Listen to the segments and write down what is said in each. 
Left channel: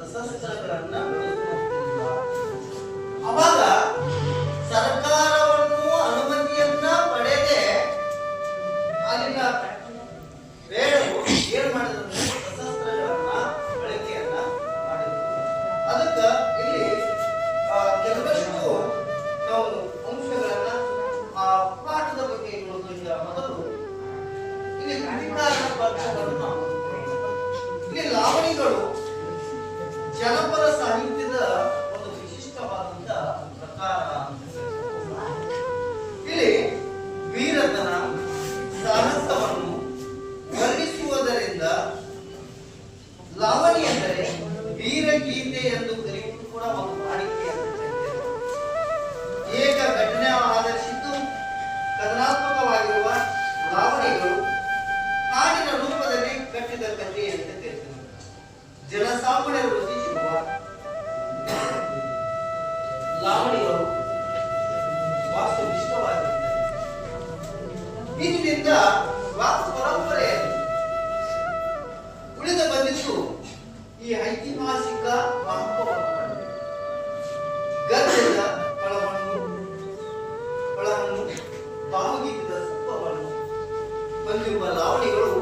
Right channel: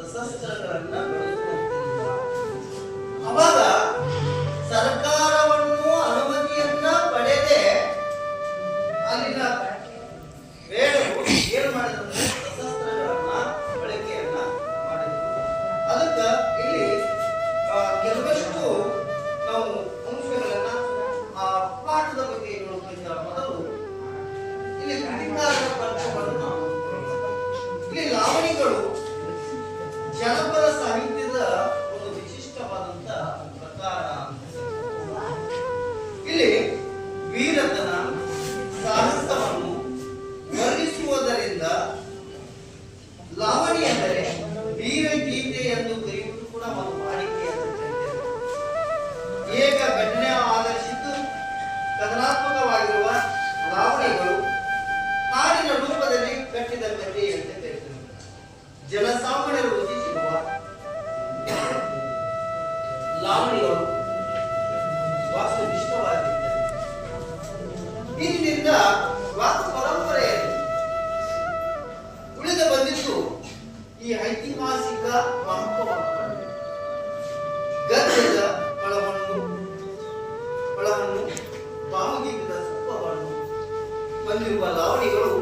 ಸಶಸ್ತ್ರಗಳನ್ನ ಬೆಳೆಸುವಂತಿಲ್ಲ. ಅವಾಗ ಸರ್ಕಾರವನ್ನು ಅನುಮತಿಯನ್ನ ಪಡೆದೇ ಅಲ್ಲಿನ ಬೇಡರು ಏನ್ ಮಾಡಿದ್ರು ಅಂದ್ರೆ ಸಶಸ್ತ್ರಗಳನ್ನ ಬಳಕೆಯನ್ನ ಮಾಡಿದ್ರು. ಅದಕ್ಕ ಇಲ್ಲಿ ಕೆಲವಷ್ಟು ನಾವು ಅಂಶಗಳನ್ನ ಪಾಠದ ಬಗ್ಗೆ ನೋಡೋದ್ರಿಂದ ಮೊದಲು ಇಲ್ಲಿ ಕೃತಿಕಾರರ ಪ್ರಭಾವವನ್ನು ಇಲ್ಲಿ ಲಾವಣಿಗಳು ಜನಪದ ಸಾಹಿತ್ಯದ ಒಂದು ವಿಶಿಷ್ಟವಾದಂತಹ ಪ್ರಕಾರ. ಇಲ್ಲಿ ವೀರತನ ಸಾಹಸವನ್ನು ವರ್ಣಿಸುವುದರಿಂದ ಲಾವಣಿ ಎಂದರೆ ವೀರಗೀತೆ ಎಂದು ಕರೆಯುವುದು ಕೂಡ ಒಂದು ವಾಡಿಕೆ. ಏಕ ಘಟನೆ ಆಧರಿಸಿದ್ದು ಕಥನಾತ್ಮಕವಾಗಿರುವ ಲಾವಣಿಗಳು ಹಾಡಿನ ರೂಪದಲ್ಲಿ ಕಟ್ಟಿದ ಕಥೆ ಅಂತ ಕರೆಯುತ್ತದೆ. ಜನಸಾಮಾನ್ಯರು ರಚಿಸಿರುವ ಲಾವಣಿಗಳು ವಾಸ್ತುನಿಷ್ಠವಾಗಿರುತ್ತವೆ. ಇದರಿಂದ ವಾಸ್ತು ಪರಂಪರೆಯಲ್ಲಿ ಉಳಿದು ಬಂದಿದ್ದು ಈ ಐತಿಹಾಸಿಕ ಮಹತ್ವವನ್ನು ಗದ್ಯದ ಫಳವನ್ನು ಭಾವಗೀತದ ಸತ್ವವನ್ನು ಹೊಂದಿರುವ ಲಾವಣಿಗಳು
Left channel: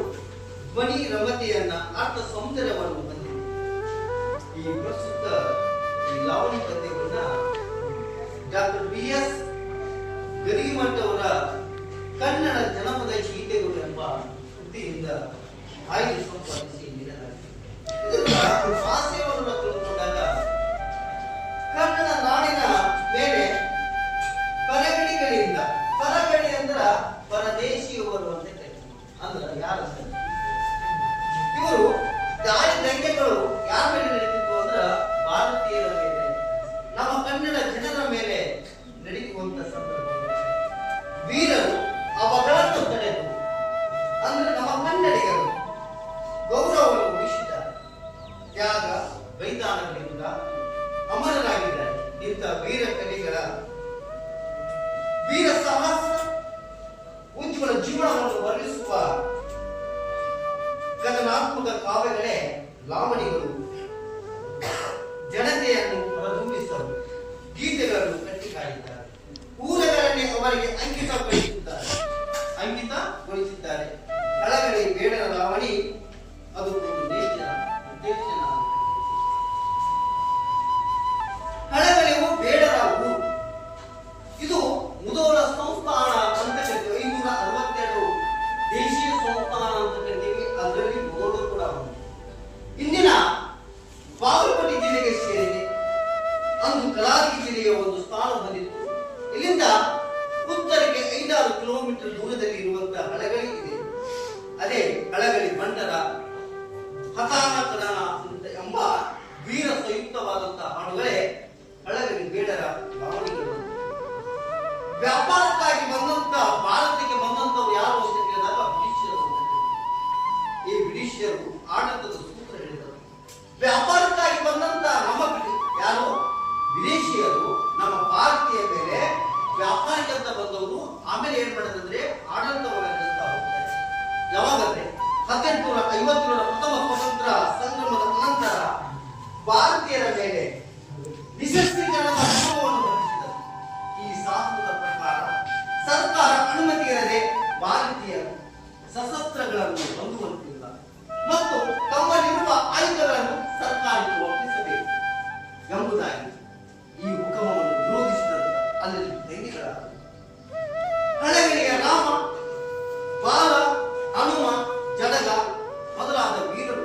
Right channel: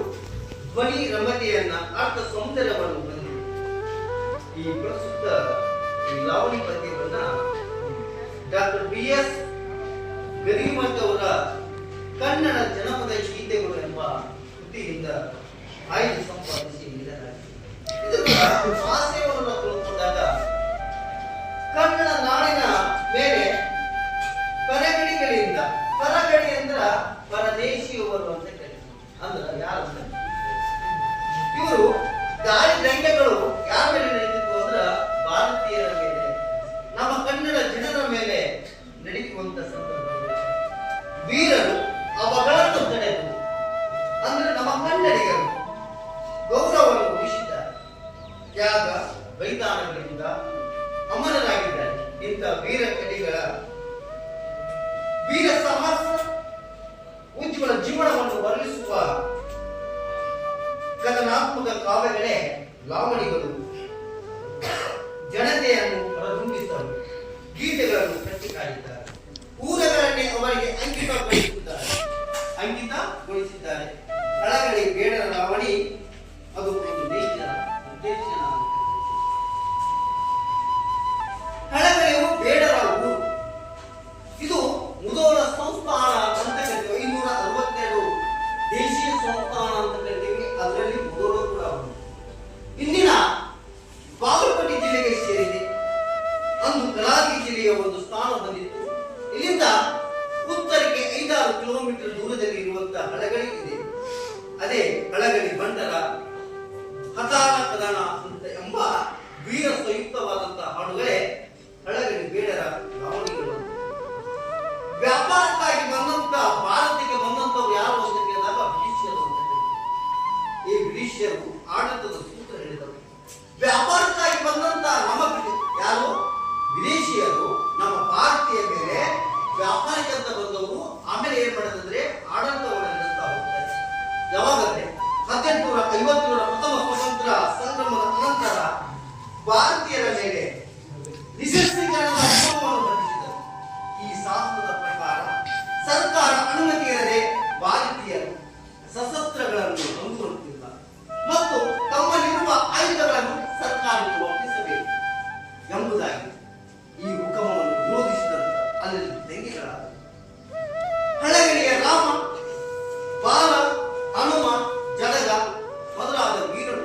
ಧ್ವನಿ ರಮತೆಯನ್ನ ಅರ್ಥ ಸೌಂದರ್ಯವನ್ನು ಹೊಂದಿವೆ. ಈ ಪ್ರಸ್ತುತ ಈ ಲಾವಣಿ ಪದ್ಯವನ್ನ ಡಾಕ್ಟರ್ BS ಗರಿಮಠ್ ಅವರ ಕನ್ನಡ ಜನಪದ ಗೀತೆಗಳು ಎಂಬ ಕೃತಿಯಿಂದ ಆಯ್ದು ಸಂಪಾದಿಸಿ ನೀಡಲಾಗಿದೆ. ಇದರ ಆಶಯವನ್ನು ತಿಳ್ಕೊಂಡಾಗ ಕನ್ನಡ ನಾಡಿನ ಮೇಲೆ ಪರಗಣಿಗಳಿಂದ, ಪರಗಣಿ ಅಂದ್ರ ಪರದೇಶಿಯವರು ಅಂತ ಕರೀತಾರೆ. ಅಂದ್ರ ಯಾರು ಇವರು ದಾಳಿ ದಂಗೆಗಳು ಯಾರ ಮೇಲೆ ನಡೀತಿತ್ತು ಅಂದ್ರ ಭಾರತೀಯರ ಮೇಲೆ, ನಮ್ಮ ಕನ್ನಡ ಜನರ ಮೇಲೆ ನಡೀಯುವಂತ ಸಂದರ್ಭದಲ್ಲಿ ವೀರರು ಅವುಗಳನ್ನು ತಡೆದು ಅಂದ್ರೆ ನಮ್ಮ ಕನ್ನಡಿಗರು ಗೌರವವನ್ನು ಉಳಿಸಿದ್ದಾರೆ. ತ್ಯಾಗ ಬಲಿದಾನಗಳಿಂದ ಅಮರರಾಗಿದ್ದಾರೆ. ಇಂಥ ವೀರ ಕಲಿಗಳ ವೀರ ಸಾಹಸ ಉಜ್ವಲ ಜೀವನವನ್ನು ವರ್ಣಿಸುವ ಕಥನಾತ್ಮಕ ಕಾವ್ಯಗಳೇ ಲಾವಣಿಗಳು. ಜನತೆಯನ್ನು ಹೊರದುಂಬಿಸಲು ಗೀತೆಗಳನ್ನು ಕಟ್ಟಿ ಕಾಡಿದ್ದಾರೆ. ಊರಗಳನ್ನೇ ಅವರಿಗೆ ಅಂಕಿತಗೊಳಿಸಿದ್ದಾರೆ. ಹಳಗಳಿ ಬೇಡರ ಲಾವಣಿ ಅದು ಒಂದು ದೇಶದ ಉದ್ದೇಶನ. ಹಳಗಳಿಯು ಬೇಡರ ಊರು. ಇದು ಮುಧೋಳ ಸಂಸ್ಥಾನ ಅಂತ ಕರಿತೀವಿ. 562 ದೇಶೀಯ ಸಂಸ್ಥಾನ ಅಂತ ಕರಿತೀವಿ. ಅದರಲ್ಲಿ ಮುಧೋಳ ಕೂಡ ಒಂದು. ಇಂದಿನ ಬಾಗಲಕೋಟೆ ಜಿಲ್ಲೆಗೆ ಸೇರಿದೆ. ಅಂದು ಕಲಾಗಿ ಜಿಲ್ಲೆಯ ಒಂದು ಸ್ಥಾನ ಹೊಂದಿತ್ತು. ಇಲ್ಲಿಂದ ಉತ್ತರಕ್ಕೆ 5-6 ಕಿಲೋಮೀಟರ್ ದೂರದಲ್ಲಿ ಇರುವಂತಹ ಹಳಗಳಿ ಇದೆ. ಅದೇ ಹಳಗಳಿ ಬಂಡರ ಹತಾನ ಕದನ ಎಂಬ ವೀರ ಸಂಯುಕ್ತವಾದಂತಹ ಹಾಡುಗಳೇ ಹಳಗಳಿ ಬೇಡರ ಲಾವಣಿಗಳು. ವ್ಯಾಪಾರಕ್ಕಾಗಿ ಬಂದಂತ ಭಾರತಕ್ಕೆ ಬಂದಂತವು ಯಾರು ಅಂತ ಕೇಳಿದಾಗ ಬ್ರಿಟಿಷರು ಅಂತ ಈ ಬ್ರಿಟಿಷರು ಆಡಳಿತದ ಸೂತ್ರ ಹೇಳಿದರು. ವ್ಯಾಪಾರಕ್ಕಾಗಿ ಬಂದಂತ ನಮ್ಮ ಯಾರು ವಿದೇಶಿಯರು ನಮ್ಮ ಭಾರತೀಯ ಮೇಲೆ ವ್ಯಾಪಾರಕ್ಕಂತ ಬಂದವರು ಆಮೇಲೆ ಏನ್ ಮಾಡಿದ್ರೆ ಆಡಳಿತವನ್ನು ನಡೆಸ್ತಾ ಹೋಗ್ತಾರೆ. ಯಾವಾಗಂದ್ರೆ 1850 ಪ್ರಥಮ ಸ್ವಾತಂತ್ರ್ಯ ಸಂಗ್ರಾಮದ ಅನಂತರ ಭಾರತೀಯರ ಮೇಲೆ ನಿಶಸ್ತ್ರೀಕರಣದ ಅನುಭವವನ್ನು ಹೊಂದಿಸಿದರು. ಈ ಶಾಸನದ ಪ್ರಕಾರ ಸರ್ಕಾರ ಅನುಮತಿಯಲ್ಲದೆ ಭಾರತೀಯರು ಸಶಸ್ತ್ರಗಳನ್ನು ಹೊಂದುವಂತಿಲ್ಲ ಮತ್ತು ತಮ್ಮಲ್ಲಿರುವ ಆಯುಧಗಳನ್ನು ಸರ್ಕಾರಕ್ಕೆ ಒಪ್ಪಿಸಬೇಕು ಎಂಬುದಾಗಿ ಈ ಹುಕಮವನ್ನು ವಿರೋಧಿಸಿದಂತ ಅಲ್ಲಿ ದಂಗೆಗಳಾದವು. ಹಳಗಳಿಯ ರಾಮ, ಬಾಲ, ಹನುಮ, ಜಡಗ ಮೊದಲಾದ ವೀರರು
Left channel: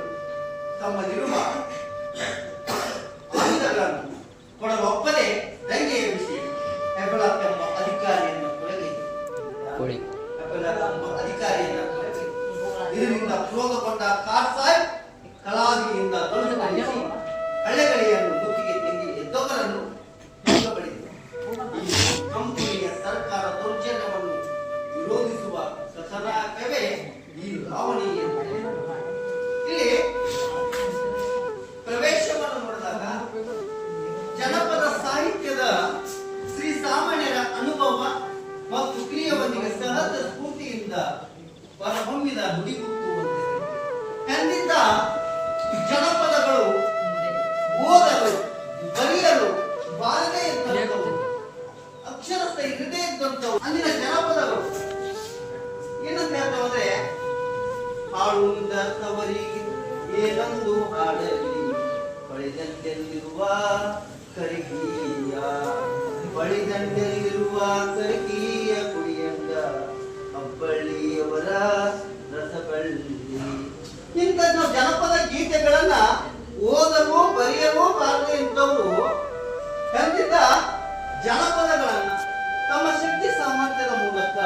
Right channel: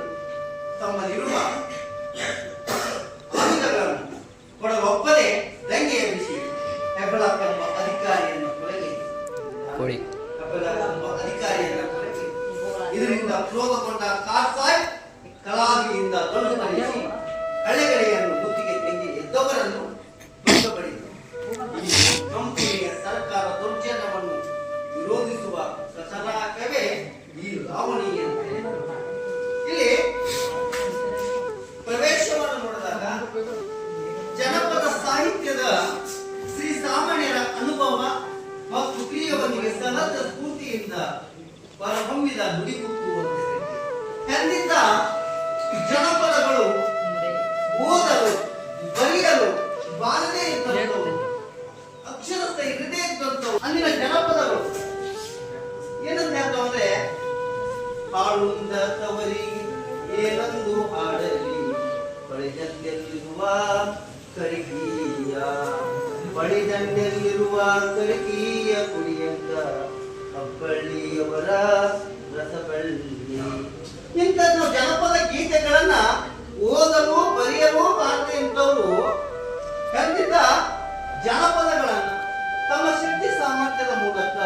ತಮ್ಮಲ್ಲಿರುವ ಆಯುಧಗಳನ್ನು ಕೊಡಲೊಪ್ಪದೆ ದಂಗೆಯ ಬಿಸಿ ಹೆಬ್ಬಳಕ್ಕೆಂಬ ಅಧಿಕಾರಿಯನ್ನು ಕೊಡಲಿ. ಇದರಿಂದ ಕ್ರೋಧಗೊಂಡ ಕಾರ್ಸಾಯ್ ಕಲಾವಿಯಿಂದ ತೊಡೆದುಕೊಂಡಿಸಿ ಹಳ್ಳೆಗಳಿಯನ್ನು ಮುತ್ತಿಗೆ ತೆಂಗಿ ಎದ್ದವರನ್ನು ಕಂಪನಿಯ ಸರ್ಕಾರ ದೌರ್ಜನ್ಯವನ್ನು ವಿರೋಧಿಸುವ ಕಥನಾಕವೇ ಈ ಲಾವಣಿ. ಇಲ್ಲಿ ಪ್ರವೇಶವನ್ನು ನೋಡಿದಾಗ ಜನಪದ ಸಾಹಿತ್ಯದ ಶ್ರೀ ಸಾಮಾನ್ಯರ ಅನುಭವ ಮತ್ತು ಕ್ರಿಯೆಯೊಂದಿಗೆ ಸಹಜ ಸ್ಫೂರ್ತಿಯಿಂದ ಹೊರಹೊಮ್ಮಿದ ನುಡಿಗುತ್ತುವಂತೆ ಎಂದಿದ್ದ ಜನಪದಗಳು ಬಾಲನೆ ಇದ್ದಂಥವು, ಅಕ್ಷರಸ್ಥ ಇರದೇ ಇದ್ದಂಥವು ಅಲ್ಲಿನ ಜನಪದಗಳು ಏನಂತ ಹೇಳ್ತಾವಂದ್ರೆ, ಹಾಡುಂದ ತವರಿಗೆ ಏನೊಂದು ಹಾಡಲಿ ಬಳಿದಂಡೆಯಲ್ಲಿರುವ ಕರಿಗೀಯ, ಬಳಿದಂಡೆಯಲ್ಲಿರುವ ಕರಿಗೀಯ ಕುಡಿಯಂತ ಹಬ್ಬಳ್ಳಿಯವರ ರಸಬಳ್ಳಿ. ಇಂಥ ಜನಪದ ಗೀತೆಗಳನ್ನ ಓದಲು ಬರೆಯಲು ಬಾರದೆ ಇಂಥವರು ಖಂಡಿತ ಜನಪದಗಳನ್ನು ತಮ್ಮ ಶಕ್ತಿ ಸಾಮರ್ಥ್ಯದ ಮೂಲಕ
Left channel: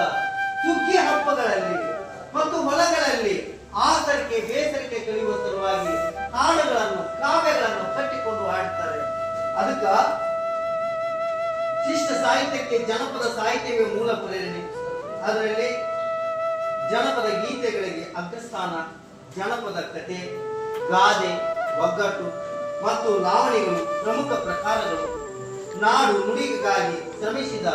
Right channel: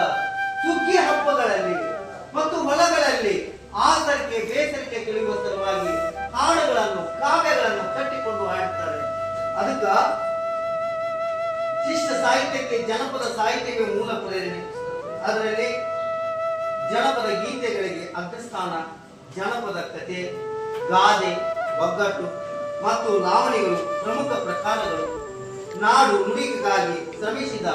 ಸುಗ್ಗಿ ಹಬ್ಬಗಳಲ್ಲಿ ಮತ್ತು ಹೊಲಗಳಲ್ಲಿ ಆಸಕ್ಕೆ ಬೇಸರಿಕೆ ಕಳೆಯುವ ಸಲುವಾಗಿ ಹಾಡುಗಳನ್ನು ಕಾವ್ಯಗಳನ್ನು ಕಟ್ಟಿಕೊಂಡು ಹಾಡ್ತಾರೆ. ಅದಕ್ಕ ಶಿಷ್ಟ ಸಾಹಿತ್ಯಕ್ಕೆ ಜನಪದ ಸಾಹಿತ್ಯವೇ ಮೂಲ ಪ್ರೇರಣೆ. ಅದರಲ್ಲಿ ಜನಪದ ಗೀತೆಗಳಿಗೆ ಅಗ್ರಸ್ಥಾನ. ಜನಪದ ಕಥೆ, ಗಾದೆ, ಒಗ್ಗಟ್ಟು ಮತ್ತು ಲಾವಣಿಗಳು ಪ್ರಮುಖ ಪ್ರಕಾರಗಳು. ನಾಡು ನುಡಿಗಾಗಿ ಶ್ರಮಿಸಿದ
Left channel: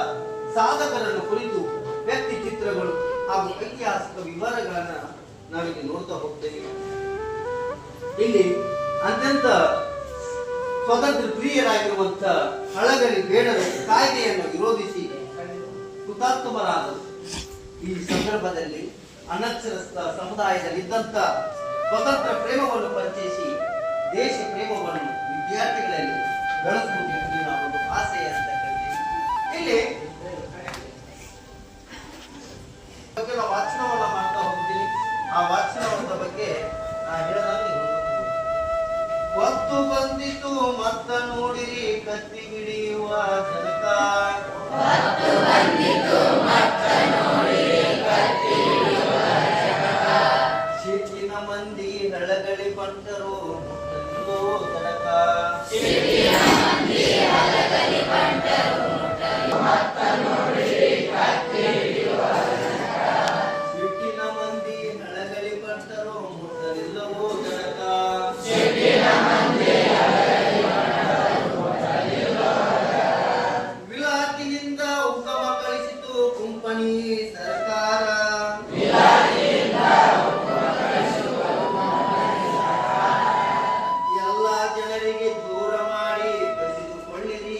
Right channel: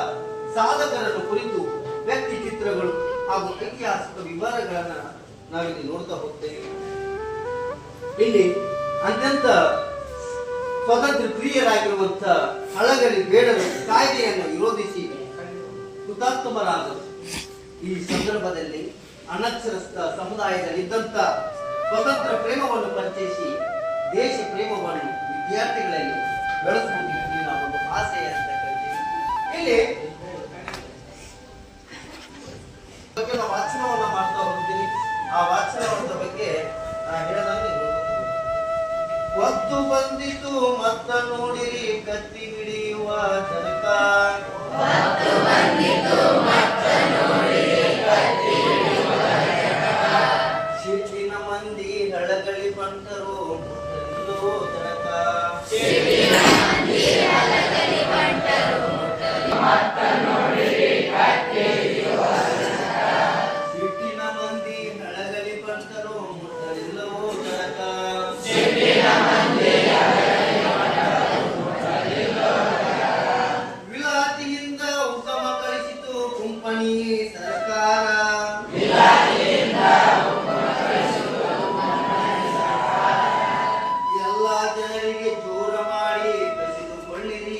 ಸಾಧಕರನ್ನು ಕುರಿತು ವ್ಯಕ್ತಿ ಚಿತ್ರಗಳು ಹಾಗೂ ಐತಿಹಾಸಿಕ ವಿವರಗಳನ್ನ ನಾವಿಲ್ಲಿ ನೋಡ್ತಾ ಹೋಗ್ತೇವೆ. ಇಲ್ಲಿ ಅತ್ಯಂತ ಸ್ವತಂತ್ರ ಪ್ರಿಯರಾಗಿರುವಂತಹ ಹಳಗಲಿ ಬೇಡರು ಕಾಯ್ದೆಯನ್ನು ವಿರೋಧಿಸಿ ಹುತಾತ್ಮರಾದರು. ಈ ಸಂದರ್ಭದಲ್ಲಿ ಅನಕ್ಷರಸ್ಥ ಸಮುದಾಯದಲ್ಲಿ ಇದ್ದಂತ ಸ್ವತಂತ್ರ ಪ್ರೇಮವನ್ನು ಪರಿಚಯಿಸಿ ದೇಶ ಪ್ರೇಮವನ್ನು ವಿದ್ಯಾರ್ಥಿಗಳಲ್ಲಿ ಬೆಳೆಸುವುದು ಒಂದು ಆಸೆ ಅಂತ ಹೇಳ್ತೀವಿ. ಇಲ್ಲಿ ಬಗ್ಗೆ ನಾವು ವಾಚನವನ್ನ ಮಾಡ್ತಾ ಹೋಗ್ತೀವಿ. ಆ ವಾಚನದ ಬಗ್ಗೆ ಹೊತ್ತು ಬಂದಿತು ಮತ್ತ ನೋಡಿರಿ ಕತ್ತಿ ಹಿಡಿಯುವ ಜನಕ, ಶಿಟ್ಟಿನ ಮಂದಿ ಹಳಗಳಿ ಬಂಟರು ಮುಟ್ಟಲಿಲ್ಲೋ ತನಕ, ಶಿಟ್ಟಿನ ಮಂದಿ ಹಳಗಳಿ ಬಂಟರು ಮುಟ್ಟಲಿಲ್ಲವೋ ತನಕ. ವಿಲಾತಿಯಿಂದ ಉಗಮ ಕಳಿಸಿತು ಕುಂಪಣಿ ಸರ್ಕಾರ, ಎಲ್ಲ ಜನರಿಗೆ ದೂರ ಮಾಡಿ ಕಸಿದುಕೊಳ್ಳಿರಿ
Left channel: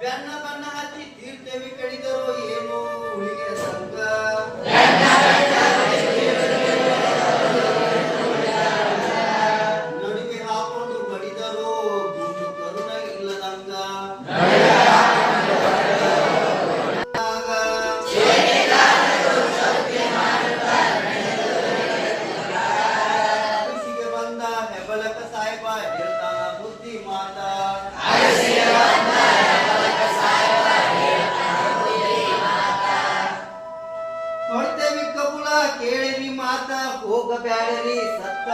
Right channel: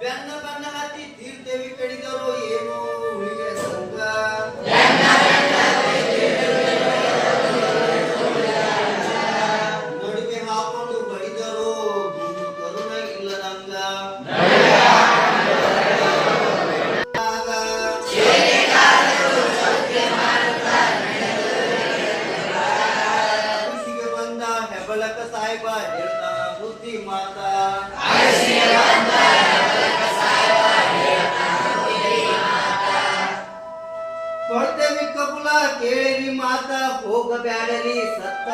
ಬೆನ್ನ ಬಣ್ಣ ಹತ್ತಿ ತೀರ್ಥವಿ ಕಡಿದರು ಏನು ಉಳಿಗೆ ಸಂಗ ನಡುವೆ ಹಾಕೊಂಡು ಬಡಿದರು ಗುಂಡು ಕರುಣ ಇಲ್ಲದಂಗ ಅಗಸಿಗೆ ಬಂದ ಹೆಬಲಕ ಸಾಹೇಬ ಹೇಳ್ತಾನ ಬುದ್ಧಿ ಮಾತಾ ಕೊಡ್ತೇವಿ ಕಬುಲ ಕೇಳಿರಿ ಮಾತ ಹೋಗಬ್ಯಾಡರಿ ಸತ್ತ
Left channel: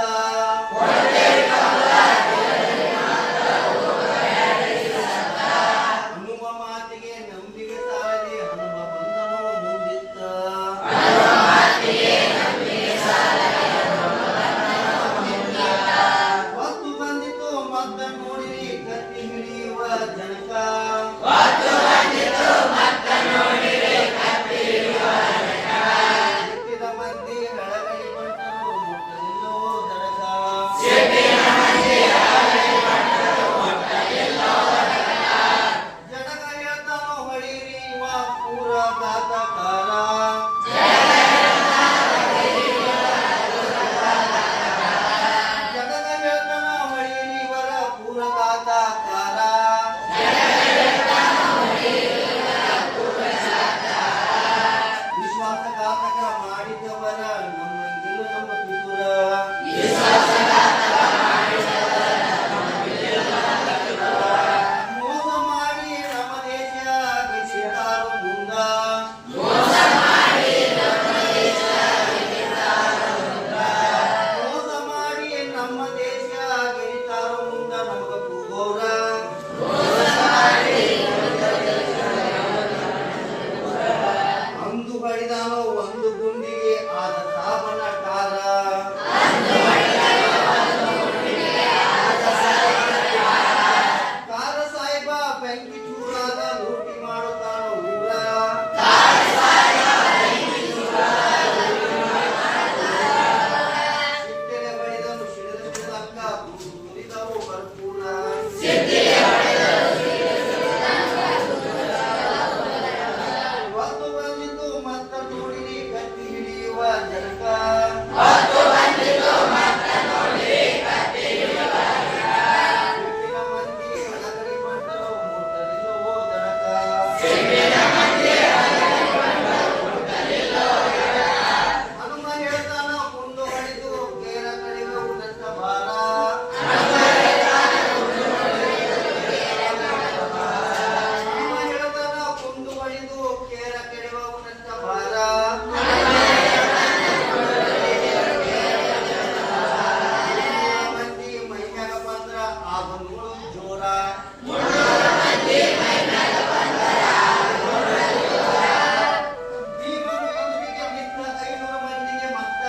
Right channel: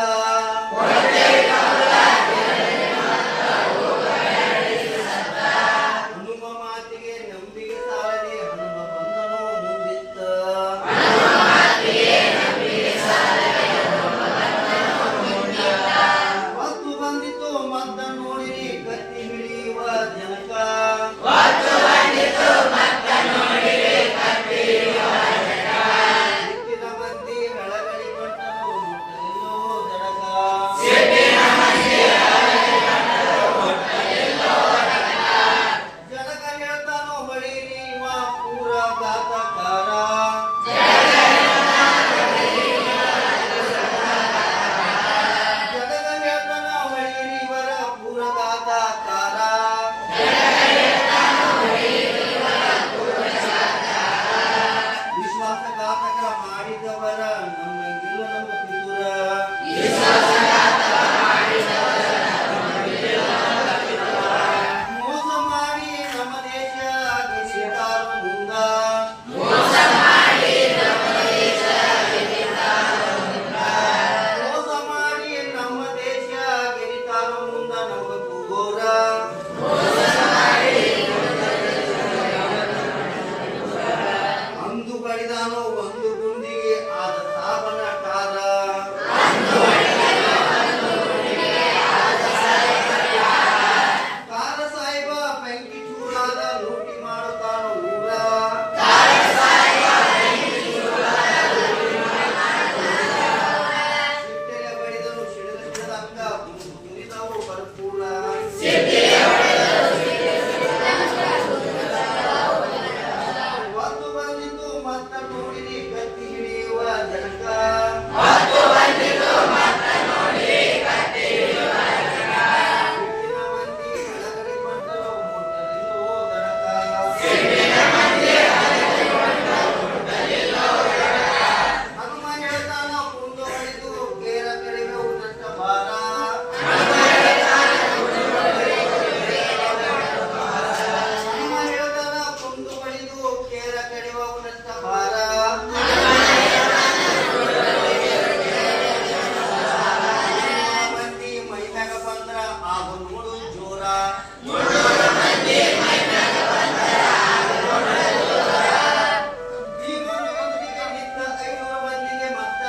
ಹನುಮ ಮಾತಿಗೆ ನಂಬಿಕೆ ಸಾಲದೆ ಹನುಮ ಬಂದನೋ ಮುಂದಿತ್ತ ಮತ್ತು ಬಂದಿತು ಮತ್ತ ನೋಡಿರಿ ಕತ್ತಿ ಹಿಡಿಯುವ ಜನಕ ಸಿಕ್ಕಿದ ಮಂದಿ ಬೆಳಗಲಿ ಬಂಟರು ಮುಟ್ಟಲಿಲ್ಲೋ ದಡಗ ಜಡಗ ಹೇಳ್ತಾನೋ ಹೊಳಿರಿ ಇವ ಪೂರ ಘಾತಕಾರ ಜಡಗ ಹೇಳ್ತಾನ ಹೊಳಿರಿ ಇವರ ಪೂರ ಘಾತಕಾರ ವಿಶ್ವಾಸಘಾತಕ ಮಾಡಿದವರ ನಮ್ಮಂಗಿಲ್ಲ ನಮ್ಮ ಪಿತುರ ಮೋಸ ಮಾಡಿ ನಮ್ಮ ದೇಶ ಗೆದ್ದಿದ್ದಾರು ಮುಂದ ಮೋಸ ಮಾಡಿ ನಮ್ಮ ದೇಶ ಗೆದ್ದಿದ್ದಾರು ಮುಂದ ನಮಗ ಕೂಗೋರ ಅಂದು ಬಡಿದಾನೋ ಒಂದು ಗುಂಡಿಗೆ ಆದ ಸಾಬನ ಕಾರ ಕಾರ ಸಾಹೇಬ ಬೆಂಕಿ ಚೂರಾದ ಲೂಟಿ ಮಾಡುತ್ತಾನೋ ಊರ ಸಿಟ್ಟೆಲೆ ಬಡಿದನು ಸಿಡಿದಕ್ಕ ಮುರಿದವು ಬರ್ಪೂಳ ಒಂದು ಬಂದಿತು ಮತ್ತ ನೋಡಿರಿ ಕತ್ತಿ ಹಿಡಿಯುವ ಜನಕ ಸಿಟ್ಟಿನ ಮಂದಿ ಹಳಗಡಿ ಬಂದರು ಮುಟ್ಟಲಿಲ್ಲೋ ದರಕ ಹನುಮ ಹೇಳ್ತಾನ ಕುಂದು ಹೊಡೆದು ಕೇರ ಕಡೆಗೆ ಉದಟ್ಟ ಭಾರ ಹನುಮ ಹೇಳ್ತಾನ ಕುಂದು ಹೊಡೆದು ಕೇರ ಕೆಡವ ಉದಟ್ಟ ಭಾರ ಮಂದಿ ಮೈಮ್ಯಾಗ ಬಂದ್ರ ಆಗ ನೋಡು ಜೋರ ಭೀಮನ ಎದುರಿಗೆ ನಿಂತ 500 ಮಂದಿಗೆ ಮತ್ತ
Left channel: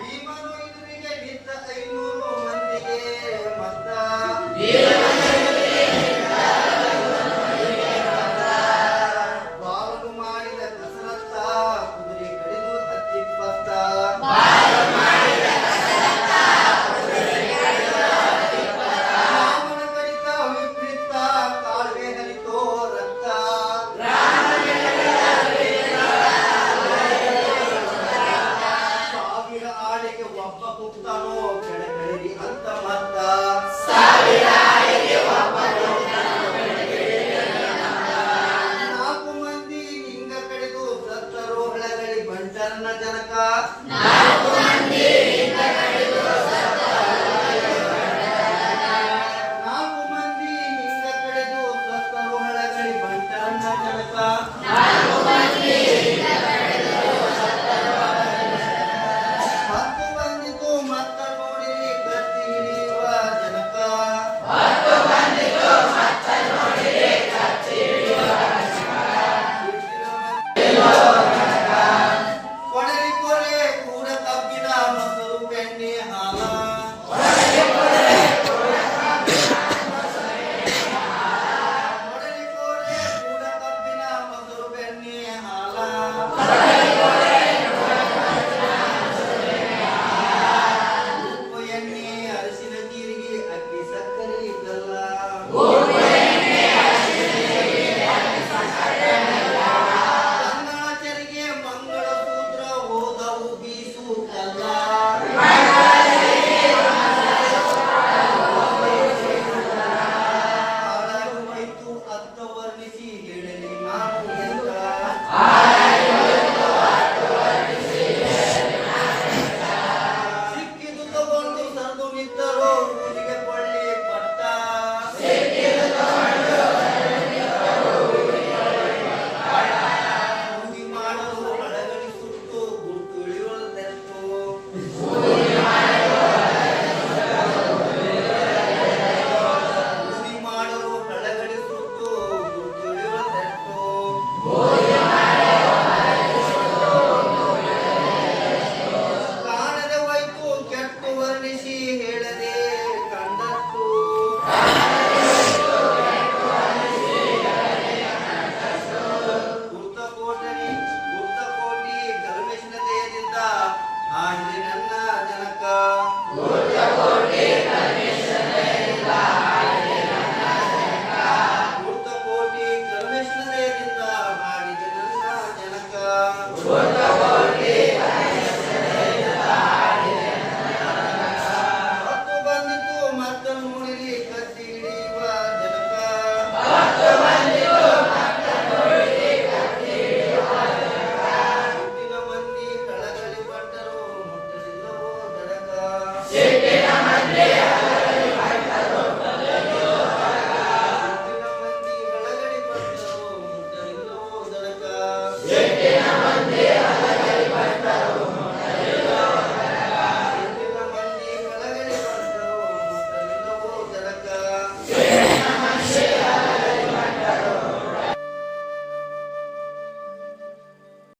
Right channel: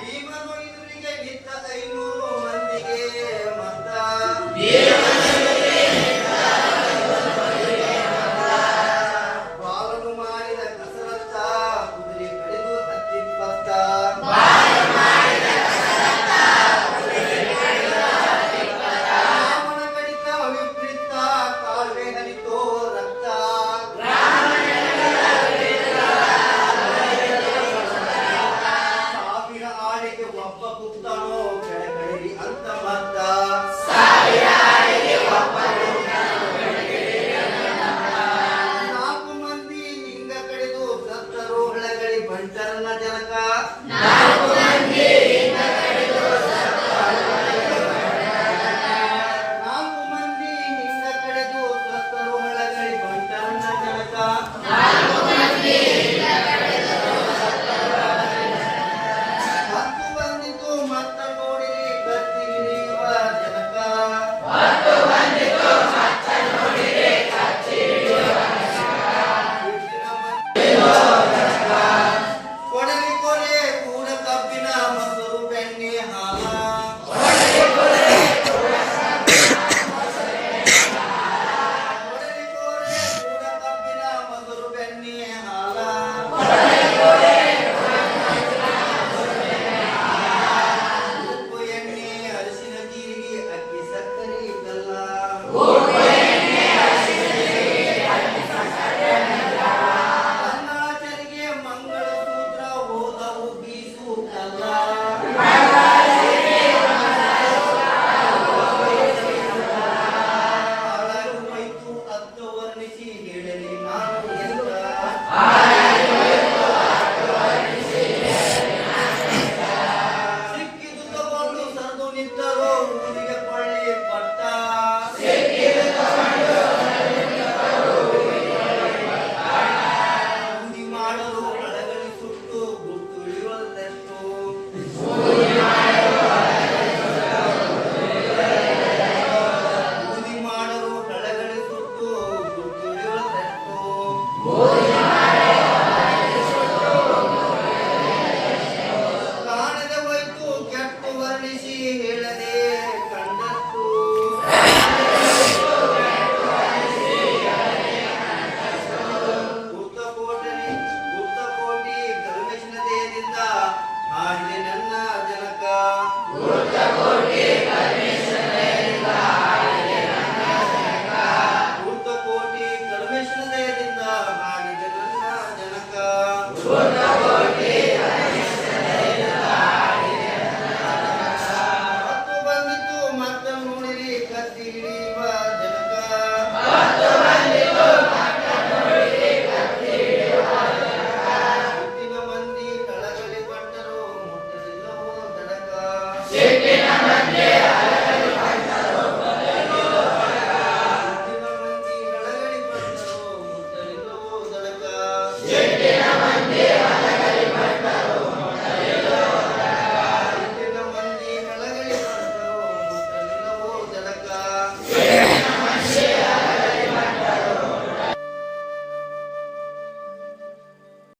ಭೀಮನು ಎದುರಿಗೆ ನಿಂತ 500 ಮಂದಿಗೆ ಮತ್ತ ಬಾಲನು ಮಾಡಿದ ಕಸರತ್ತ ಕುದುರೆ ಕಡಿದು ಹತ್ತಿಪ್ಪತ್ತ ರಾಮನ ಕಡಿತ ವಿಪರೀತ ಕಾಲುವೆ ಹರಿತೋ ರಕ್ತ ಸಾವಿರ ಆಳಿಗೆ ಒಬ್ಬ ಕುತ್ತನೋ ಕೆಳಗಡಿರಿ ಅಂತ ಮತ್ತ ನಾಲ್ಕು ಮಂದಿ ನಿಂಗ ಕಡೆದು ಸತ್ತರೋ ಬೆಳಗಳಿ ಬಂಟರನ್ನ ಜನಕ